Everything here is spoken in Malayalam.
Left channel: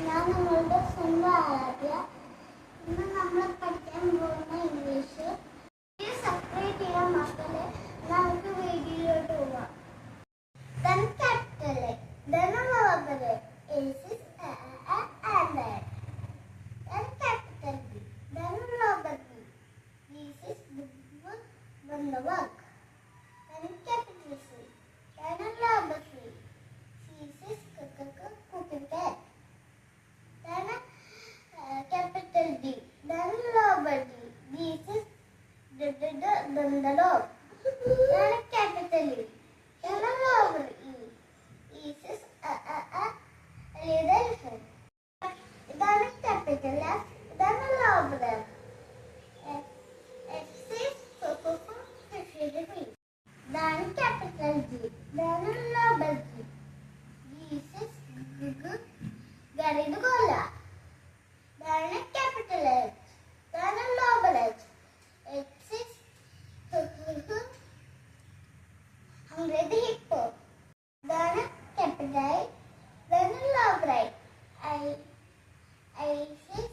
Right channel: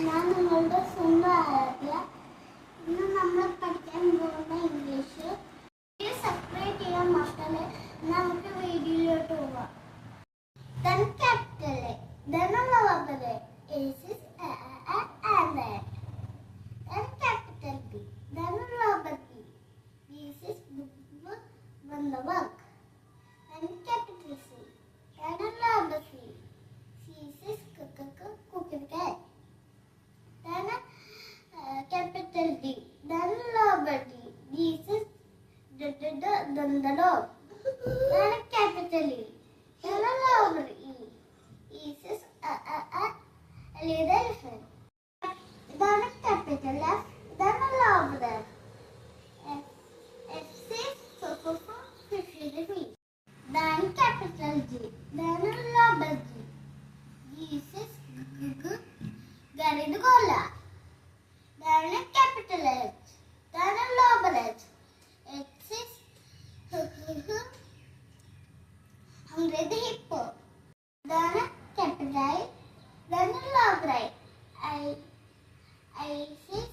ഞാൻ നിങ്ങളുടെ സ്വന്തം ആരാധ്യ. ഇന്ന് നമ്മൾ പഠിക്കാൻ പോകുന്ന ഇംഗ്ലീഷ്. സബ്സ്ക്രൈബ് ചെയ്യാൻ മക്കളെ. നമുക്ക് വീഡിയോയിലോട്ട് പോവാം. Then capital A, then lower A, is and then. Then capital B, then lower B, this is book, then the work. Then capital C, then lower C, this is cooking cat. Then capital D, then lower D, this is then the dog. Then capital E, then lower E, this is a little elephant. Then capital F, then lower F, F is fish. Then capital G, then lower G, this is Garidola. Then capital H, then lower H, H is hungry hippo. Then capital I, then lower I is